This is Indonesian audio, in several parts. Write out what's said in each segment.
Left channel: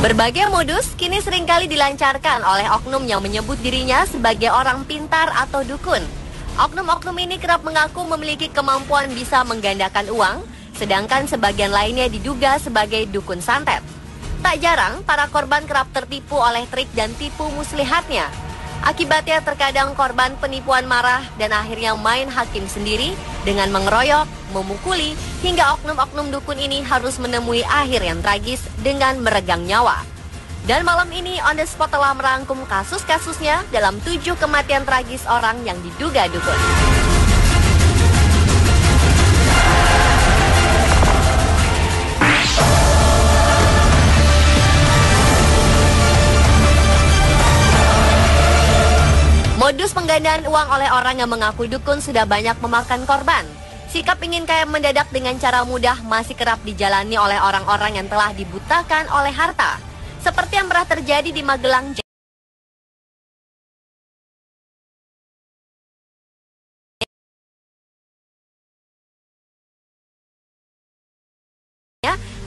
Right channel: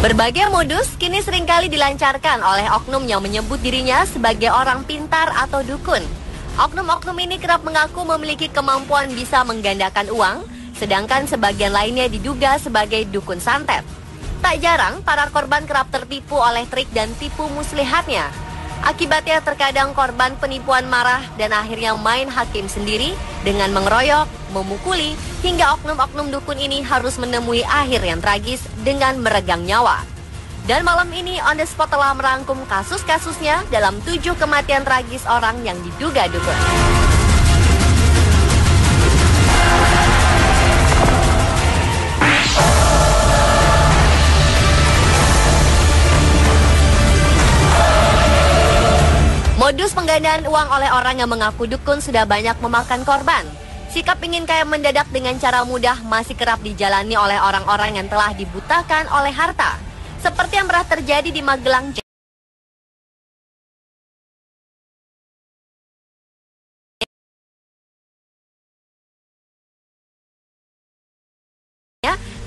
Berbagai modus kini seringkali dilancarkan oleh oknum yang menyebut dirinya sebagai orang pintar atau dukun. Oknum-oknum ini kerap mengaku memiliki kemampuan bisa menggandakan uang, sedangkan sebagian lainnya diduga sebagai dukun santet. Tak jarang, para korban kerap tertipu oleh trik dan tipu muslihatnya. Akibatnya terkadang korban penipuan marah dan akhirnya main hakim sendiri dengan mengeroyok, memukuli, hingga oknum-oknum dukun ini harus menemui akhir yang tragis dengan meregang nyawa. Dan malam ini On The Spot telah merangkum kasus-kasusnya dalam 7 kematian tragis orang yang diduga dukun. Modus penggandaan uang oleh orang yang mengaku dukun sudah banyak memakan korban. Sikap ingin kaya mendadak dengan cara mudah masih kerap dijalani oleh orang-orang yang telah dibutakan oleh harta. Seperti yang pernah terjadi di Magelang,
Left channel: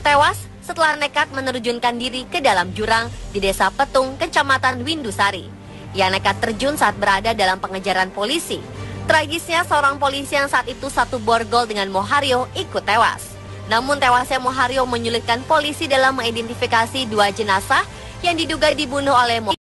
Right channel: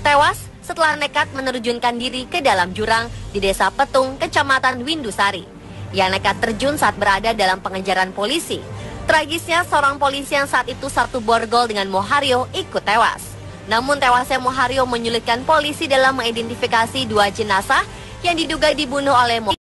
tewas setelah nekat menerjunkan diri ke dalam jurang di Desa Petung, Kecamatan Windusari. Ia nekat terjun saat berada dalam pengejaran polisi. Tragisnya, seorang polisi yang saat itu satu borgol dengan Mohario ikut tewas. Namun tewasnya Mohario menyulitkan polisi dalam mengidentifikasi 2 jenazah yang diduga dibunuh oleh Mohario.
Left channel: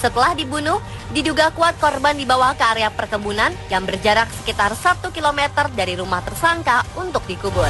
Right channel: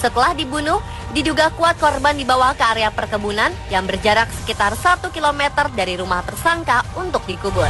Setelah dibunuh, diduga kuat korban dibawa ke area perkebunan yang berjarak sekitar 1 km dari rumah tersangka untuk dikubur.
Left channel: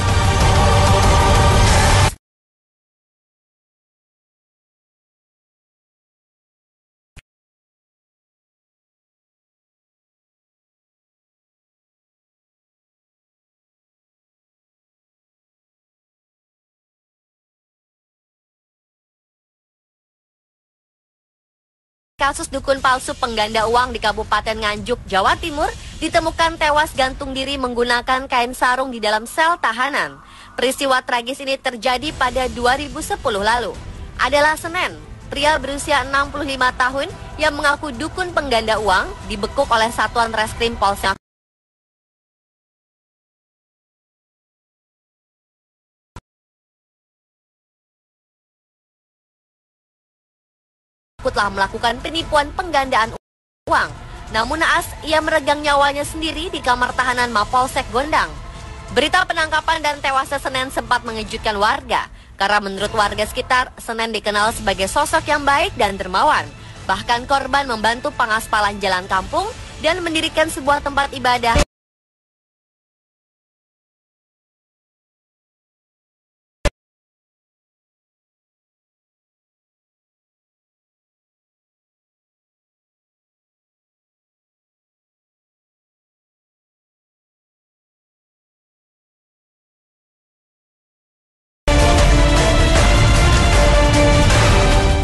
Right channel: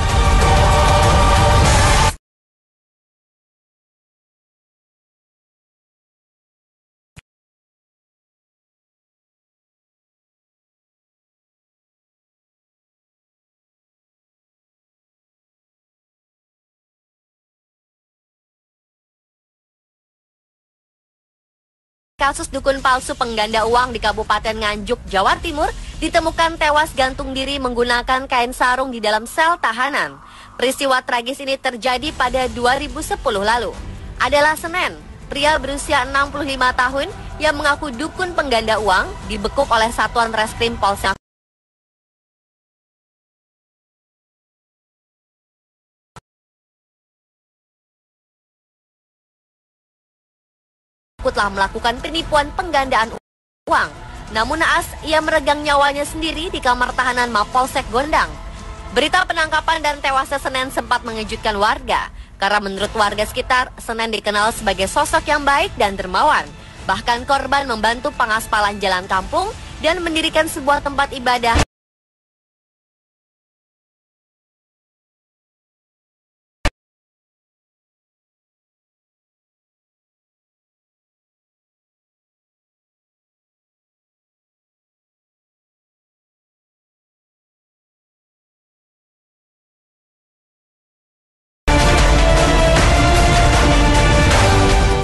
Kasus dukun palsu pengganda uang di Kabupaten Nganjuk, Jawa Timur, ditemukan tewas gantung diri menggunakan kain sarung di dalam sel tahanan. Peristiwa tragis ini terjadi pada 2010 lalu. Adalah Senin, pria berusia 65 tahun yang mengaku dukun pengganda uang dibekuk oleh Satuan Reskrim Polsek telah melakukan penipuan penggandaan uang. Namun naas, ia meregang nyawanya sendiri di kamar tahanan Mapolsek Gondang. Berita penangkapan dan tewasnya Senin sempat mengejutkan warga, karena menurut warga sekitar, Senin dikenal sebagai sosok yang baik dan dermawan. Bahkan korban membantu pengaspalan jalan kampung dan mendirikan sebuah tempat ibadah.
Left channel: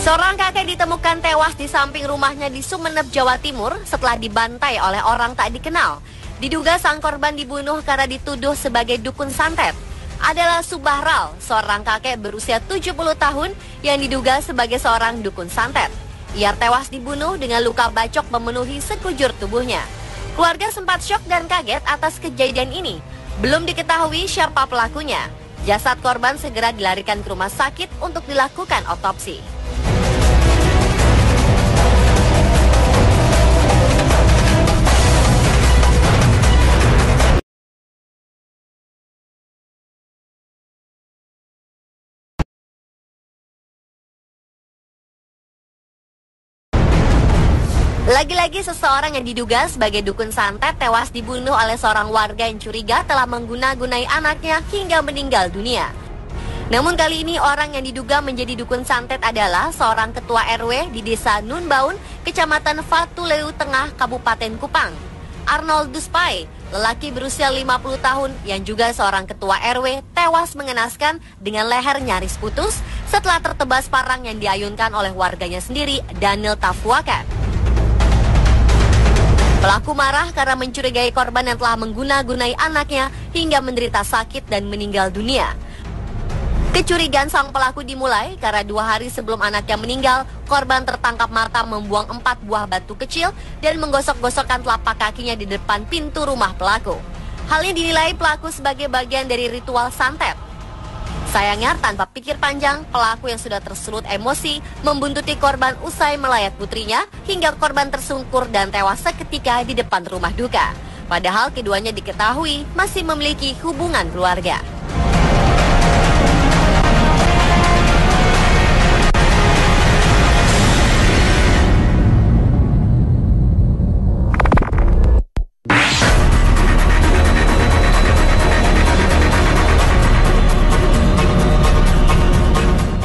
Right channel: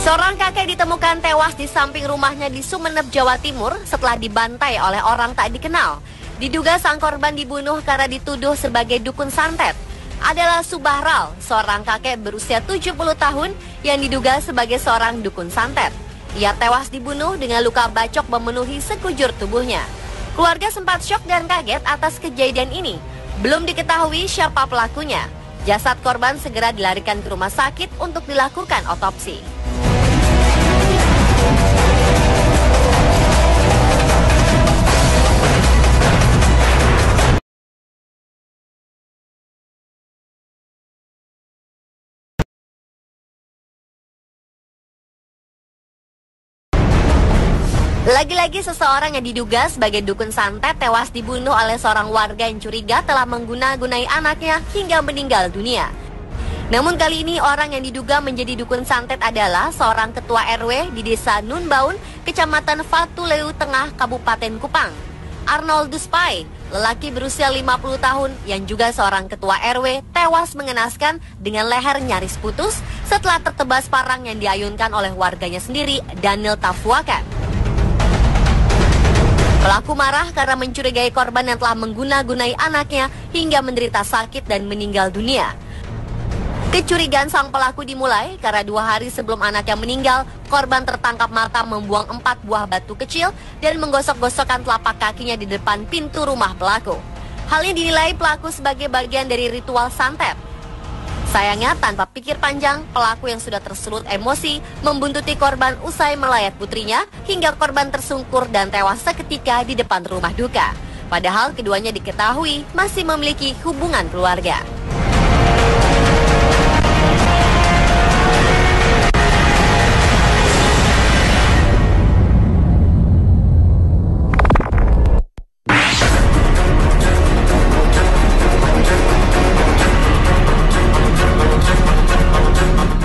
Seorang kakek ditemukan tewas di samping rumahnya di Sumeneb, Jawa Timur setelah dibantai oleh orang tak dikenal. Diduga sang korban dibunuh karena dituduh sebagai dukun santet. Adalah Subahral, seorang kakek berusia 70 tahun yang diduga sebagai seorang dukun santet. Ia tewas dibunuh dengan luka bacok memenuhi sekujur tubuhnya. Keluarga sempat syok dan kaget atas kejadian ini. Belum diketahui siapa pelakunya. Jasad korban segera dilarikan ke rumah sakit untuk dilakukan otopsi. Lagi-lagi seseorang yang diduga sebagai dukun santet tewas dibunuh oleh seorang warga yang curiga telah mengguna-gunai anaknya hingga meninggal dunia. Namun kali ini orang yang diduga menjadi dukun santet adalah seorang ketua RW di Desa Nunbaun, Kecamatan Fatuleu Tengah, Kabupaten Kupang. Arnoldus Pai, lelaki berusia 50 tahun yang juga seorang ketua RW, tewas mengenaskan dengan leher nyaris putus setelah tertebas parang yang diayunkan oleh warganya sendiri, Daniel Tafwakan. Pelaku marah karena mencurigai korban yang telah mengguna-gunai anaknya hingga menderita sakit dan meninggal dunia. Kecurigaan sang pelaku dimulai karena 2 hari sebelum anaknya meninggal, korban tertangkap mata membuang 4 buah batu kecil dan menggosok-gosokkan telapak kakinya di depan pintu rumah pelaku. Hal ini dinilai pelaku sebagai bagian dari ritual santet. Sayangnya, tanpa pikir panjang, pelaku yang sudah tersulut emosi membuntuti korban usai melayat putrinya hingga korban tersungkur dan tewas seketika di depan rumah duka. Padahal keduanya diketahui masih memiliki hubungan keluarga.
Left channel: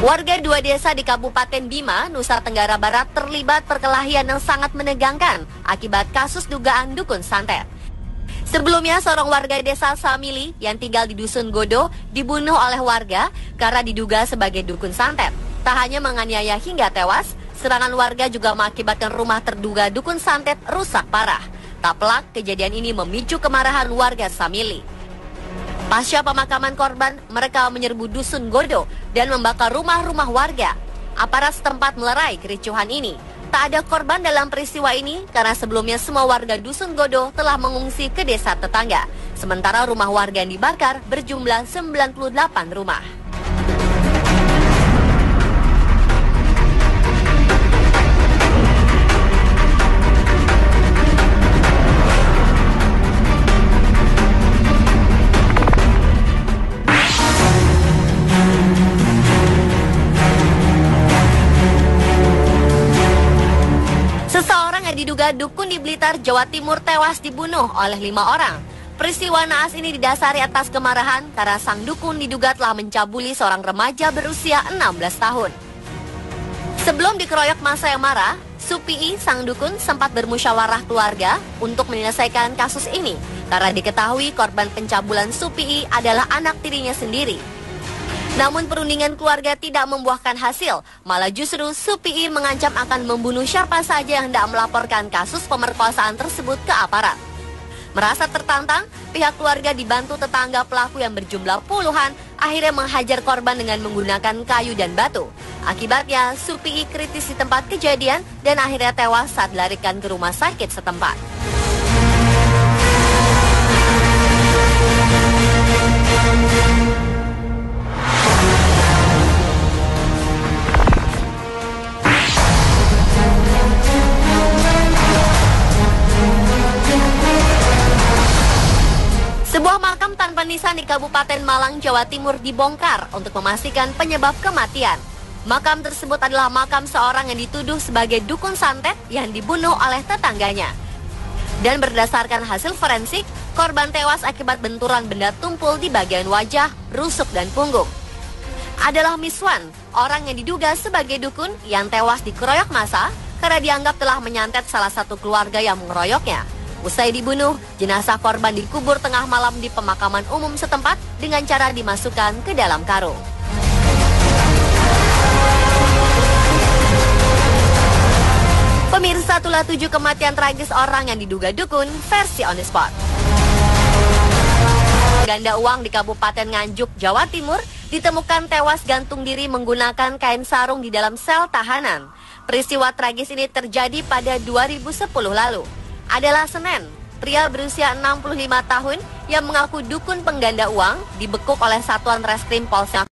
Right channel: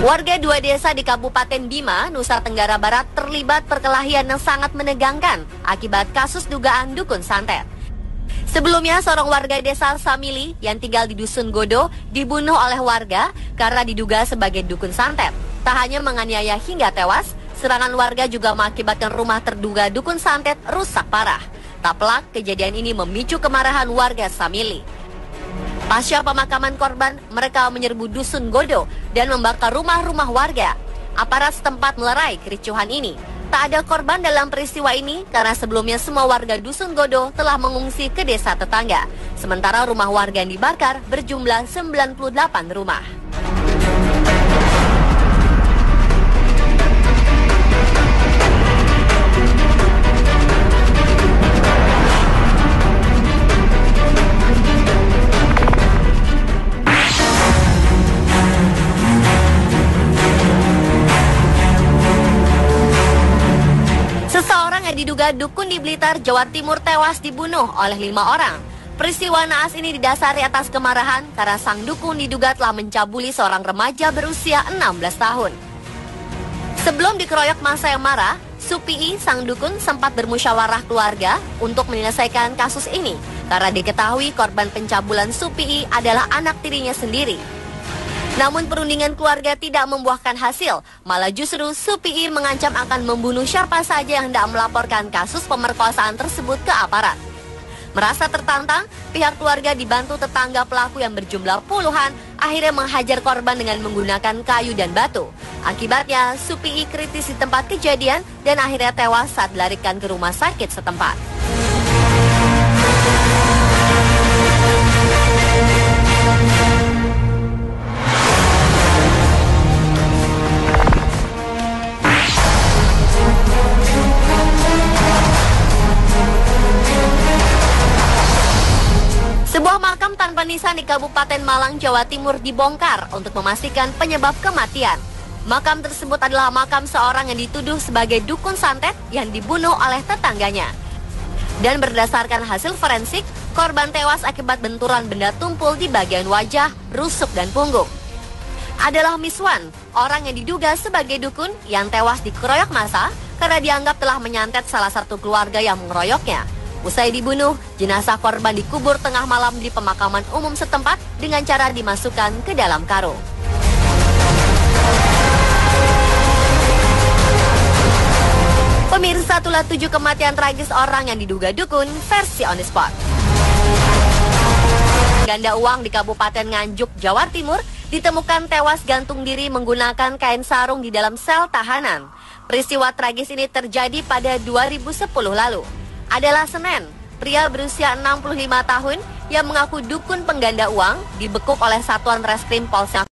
Warga 2 desa di Kabupaten Bima, Nusa Tenggara Barat terlibat perkelahian yang sangat menegangkan akibat kasus dugaan dukun santet. Sebelumnya, seorang warga desa Samili yang tinggal di Dusun Godo dibunuh oleh warga karena diduga sebagai dukun santet. Tak hanya menganiaya hingga tewas, serangan warga juga mengakibatkan rumah terduga dukun santet rusak parah. Tak pelak, kejadian ini memicu kemarahan warga Samili. Pasca pemakaman korban, mereka menyerbu Dusun Godo dan membakar rumah-rumah warga. Aparat setempat melerai kericuhan ini. Tak ada korban dalam peristiwa ini karena sebelumnya semua warga Dusun Godo telah mengungsi ke desa tetangga. Sementara rumah warga yang dibakar berjumlah 98 rumah. Seseorang yang diduga dukun di Blitar, Jawa Timur tewas dibunuh oleh 5 orang. Peristiwa naas ini didasari atas kemarahan karena sang dukun diduga telah mencabuli seorang remaja berusia 16 tahun. Sebelum dikeroyok massa yang marah, Supii, sang dukun, sempat bermusyawarah keluarga untuk menyelesaikan kasus ini karena diketahui korban pencabulan Supii adalah anak tirinya sendiri. Namun perundingan keluarga tidak membuahkan hasil, malah justru Supii mengancam akan membunuh siapa saja yang tidak melaporkan kasus pemerkosaan tersebut ke aparat. Merasa tertantang, pihak keluarga dibantu tetangga pelaku yang berjumlah puluhan akhirnya menghajar korban dengan menggunakan kayu dan batu. Akibatnya, Supii kritis di tempat kejadian dan akhirnya tewas saat dilarikan ke rumah sakit setempat. Sebuah makam tanpa nisan di Kabupaten Malang, Jawa Timur dibongkar untuk memastikan penyebab kematian. Makam tersebut adalah makam seorang yang dituduh sebagai dukun santet yang dibunuh oleh tetangganya. Dan berdasarkan hasil forensik, korban tewas akibat benturan benda tumpul di bagian wajah, rusuk, dan punggung. Adalah Miswan, orang yang diduga sebagai dukun yang tewas dikeroyok massa karena dianggap telah menyantet salah satu keluarga yang mengeroyoknya. Usai dibunuh, jenazah korban dikubur tengah malam di pemakaman umum setempat dengan cara dimasukkan ke dalam karung. Pemirsa, itulah 7 kematian tragis orang yang diduga dukun versi On The Spot. Ganda uang di Kabupaten Nganjuk, Jawa Timur ditemukan tewas gantung diri menggunakan kain sarung di dalam sel tahanan. Peristiwa tragis ini terjadi pada 2010 lalu. Adalah Senin, pria berusia 65 tahun yang mengaku dukun pengganda uang dibekuk oleh Satuan Reskrim Polsek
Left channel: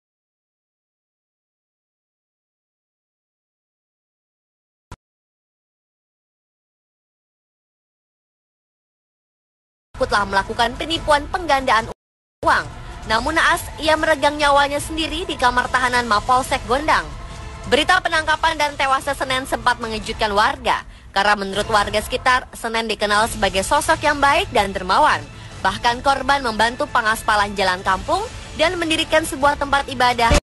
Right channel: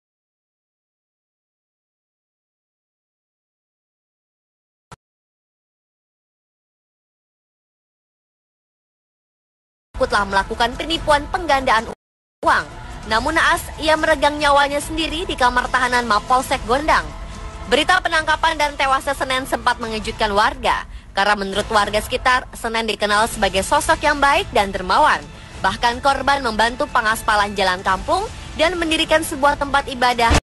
telah melakukan penipuan penggandaan uang. Namun naas, ia meregang nyawanya sendiri di kamar tahanan Mapolsek Gondang. Berita penangkapan dan tewasnya Senin sempat mengejutkan warga. Karena menurut warga sekitar, Senen dikenal sebagai sosok yang baik dan dermawan. Bahkan korban membantu pengaspalan jalan kampung dan mendirikan sebuah tempat ibadah.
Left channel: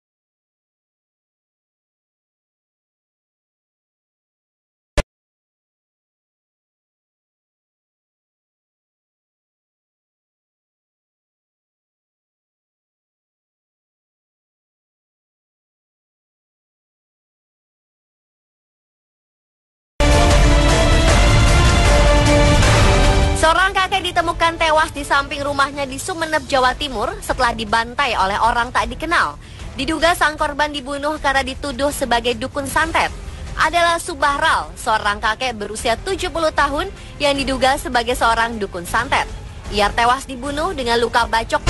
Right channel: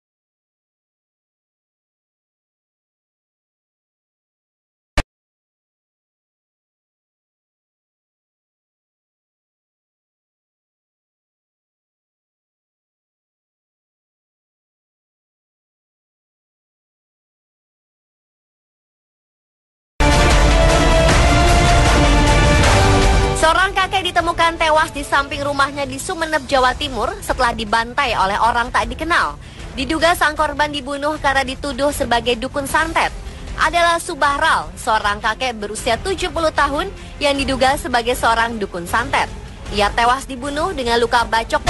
Seorang kakek ditemukan tewas di samping rumahnya di Sumeneb, Jawa Timur setelah dibantai oleh orang tak dikenal. Diduga sang korban dibunuh karena dituduh sebagai dukun santet adalah Subahral, seorang kakek berusia 70 tahun yang diduga sebagai seorang dukun santet. Ia tewas dibunuh dengan luka bacok.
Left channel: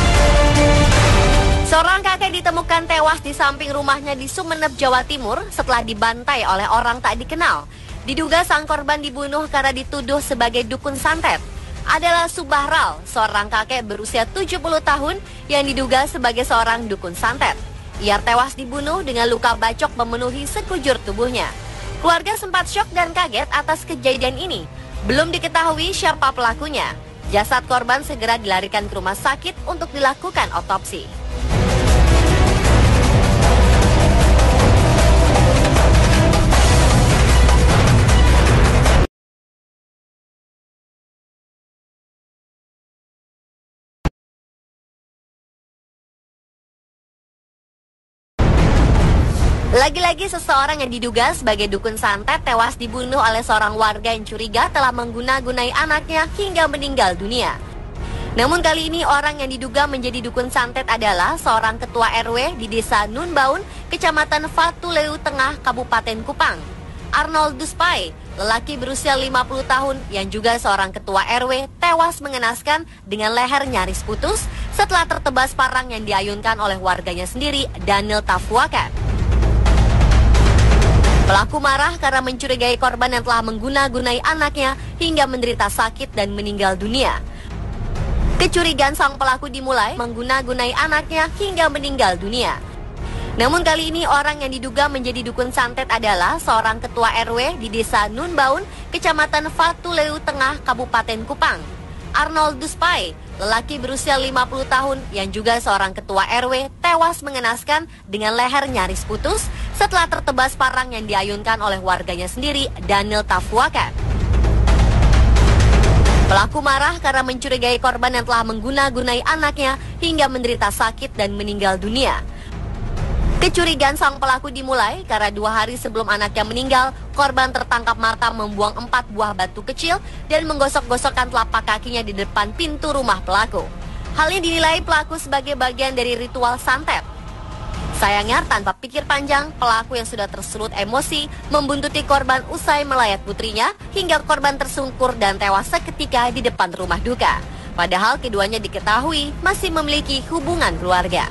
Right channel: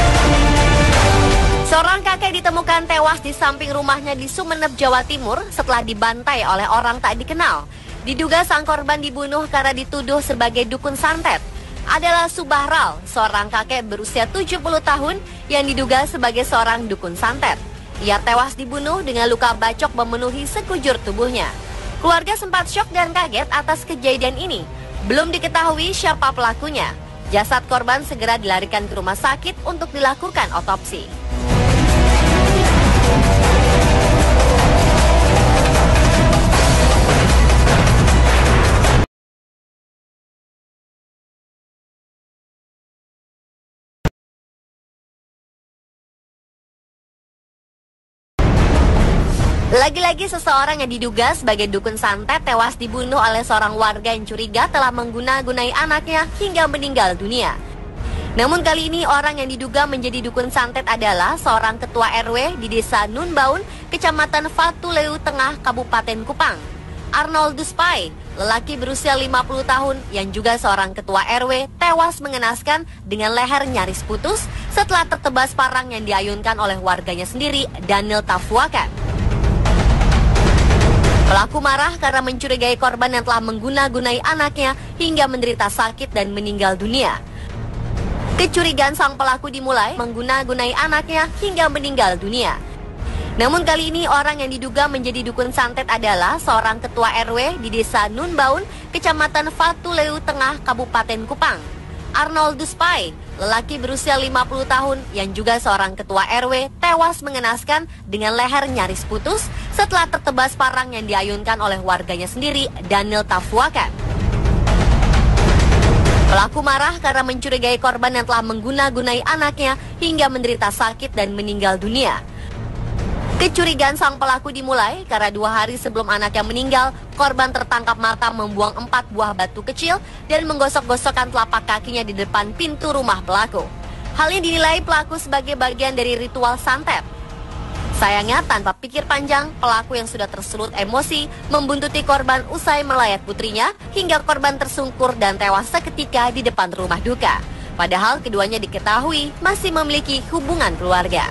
Seorang kakek ditemukan tewas di samping rumahnya di Sumeneb, Jawa Timur setelah dibantai oleh orang tak dikenal. Diduga sang korban dibunuh karena dituduh sebagai dukun santet adalah Subahral, seorang kakek berusia 70 tahun yang diduga sebagai seorang dukun santet. Ia tewas dibunuh dengan luka bacok memenuhi sekujur tubuhnya. Keluarga sempat syok dan kaget atas kejadian ini. Belum diketahui siapa pelakunya. Jasad korban segera dilarikan ke rumah sakit untuk dilakukan otopsi. Lagi-lagi seseorang yang diduga sebagai dukun santet tewas dibunuh oleh seorang warga yang curiga telah mengguna-gunai anaknya hingga meninggal dunia. Namun kali ini orang yang diduga menjadi dukun santet adalah seorang ketua RW di desa Nunbaun, kecamatan Fatuleu Tengah, Kabupaten Kupang. Arnoldus Pai, lelaki berusia 50 tahun yang juga seorang ketua RW, tewas mengenaskan dengan leher nyaris putus setelah tertebas parang yang diayunkan oleh warganya sendiri, Daniel Tafwakan. Pelaku marah karena mencurigai korban yang telah mengguna-gunai anaknya hingga menderita sakit dan meninggal dunia. Kecurigaan sang pelaku dimulai mengguna-gunai anaknya hingga meninggal dunia. Namun kali ini orang yang diduga menjadi dukun santet adalah seorang ketua RW di desa Nunbaun, kecamatan Fatuleu Tengah, Kabupaten Kupang. Arnoldus Pai, lelaki berusia 50 tahun yang juga seorang ketua RW, tewas mengenaskan dengan leher nyaris putus setelah tertebas parang yang diayunkan oleh warganya sendiri, Daniel Tafwakan. Pelaku marah karena mencurigai korban yang telah mengguna-gunai anaknya hingga menderita sakit dan meninggal dunia. Kecurigaan sang pelaku dimulai karena 2 hari sebelum anaknya meninggal, korban tertangkap mata membuang 4 buah batu kecil dan menggosok-gosokkan telapak kakinya di depan pintu rumah pelaku. Hal ini dinilai pelaku sebagai bagian dari ritual santet. Sayangnya, tanpa pikir panjang, pelaku yang sudah tersulut emosi membuntuti korban usai melayat putrinya hingga korban tersungkur dan tewas seketika di depan rumah duka. Padahal keduanya diketahui masih memiliki hubungan keluarga.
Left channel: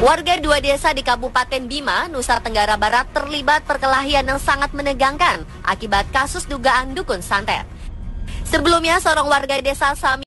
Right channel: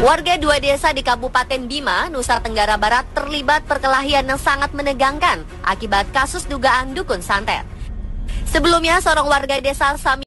Warga 2 desa di Kabupaten Bima, Nusa Tenggara Barat terlibat perkelahian yang sangat menegangkan akibat kasus dugaan dukun santet. Sebelumnya, seorang warga desa Sami